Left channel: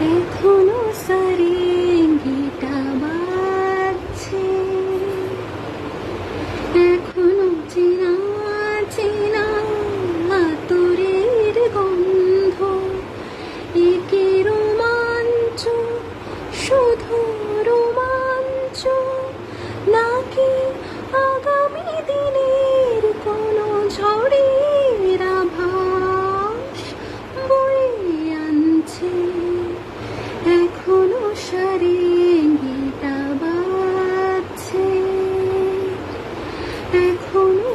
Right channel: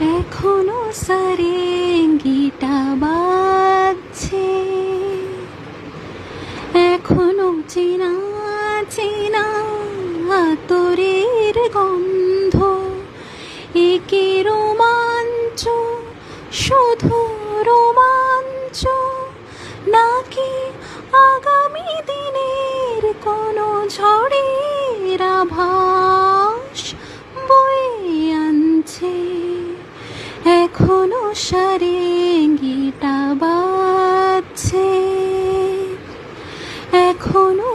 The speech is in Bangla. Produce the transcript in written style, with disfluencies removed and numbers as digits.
এখনো সারেঙ্গিটা বাজছে, এখনো চেনা চেনা আতরের গন্ধ, একে রোমাঞ্চ, শুধু রোমাঞ্চ, নাকি আগামী দিনের কোনো ঝড়ের আভাস বয়ে আনছে। এখনো সারেঙ্গিটা বাজছে, এখনো